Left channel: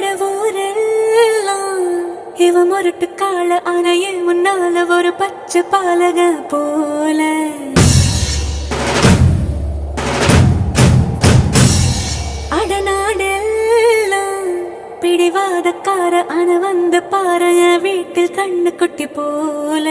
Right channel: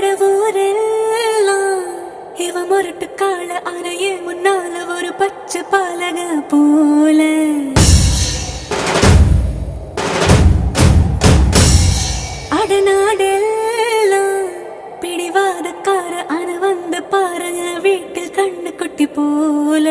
அடவூரெல்லாம் இவ முரட்டு கால அணைய முன்னால ஒரு பச்சை பாலக போல அடநாடெல்லாம் பிடிவாதக்கார அன வந்து பாரு வீட்டில் கண்ணு குட்டி போல